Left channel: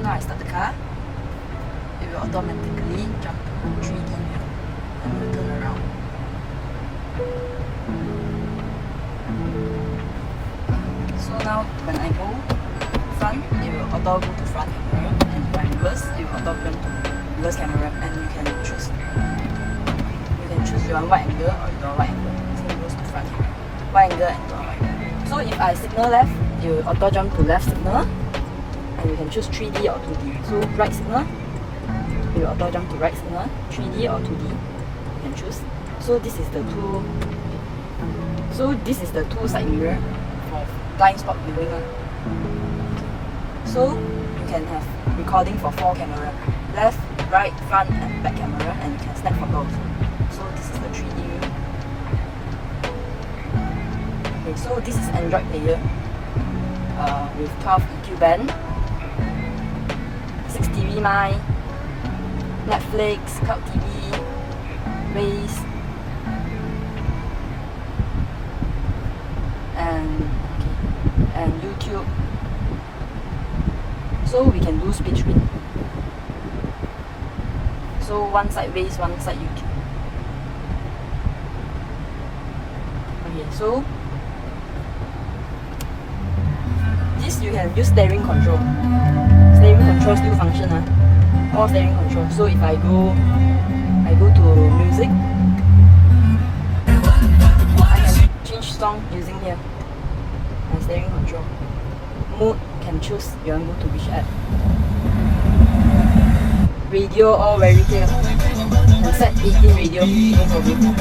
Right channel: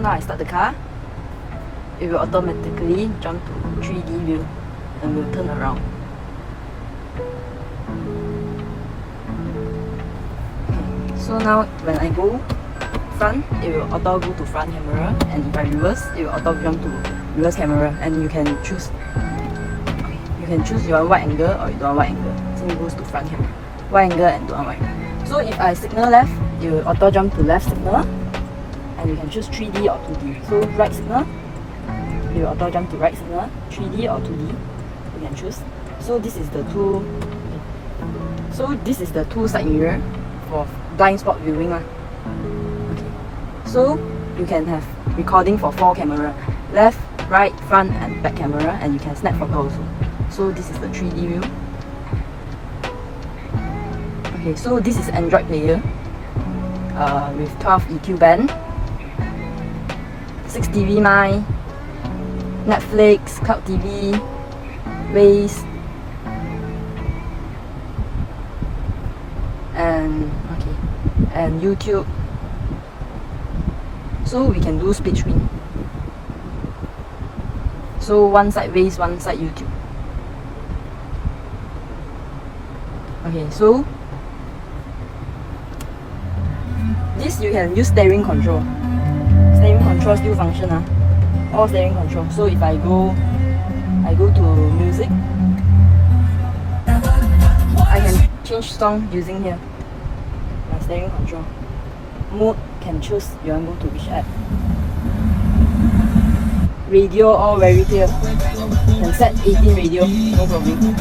now I start the car, it will automatically jump to 3D view and will turn around. So now when I go front, it will auto go to front camera, and if I reverse, it will auto jump to reverse camera, and you can choose your wide angle or your wide angle. So it goes to front camera, wide angle and non-wide. So if I signal left, it will auto jump to left signal, and you can choose 3D or 2D. So right signal, it will auto jump to right signal, 3D or 2D, you can choose. So this is the two side mirror for blind spot viewing. So you can have recording for 4 camera, left, right, front and back camera, and you can snap photo also. So this is the 3D view. Okay, so this is Android player with 12 EQ band, 6 TV mic, Netflix, Cloud TV, Waze, and YouTube. So we can do split screen. So one side Waze, one side YouTube. Okay, so this you can use steering control. Steering control still function. All steering control. So if I go to music, I can change song using here. My steering control. Mode can choose you want to go to which app. Radio all very clear. Can set 18 radio, no problem.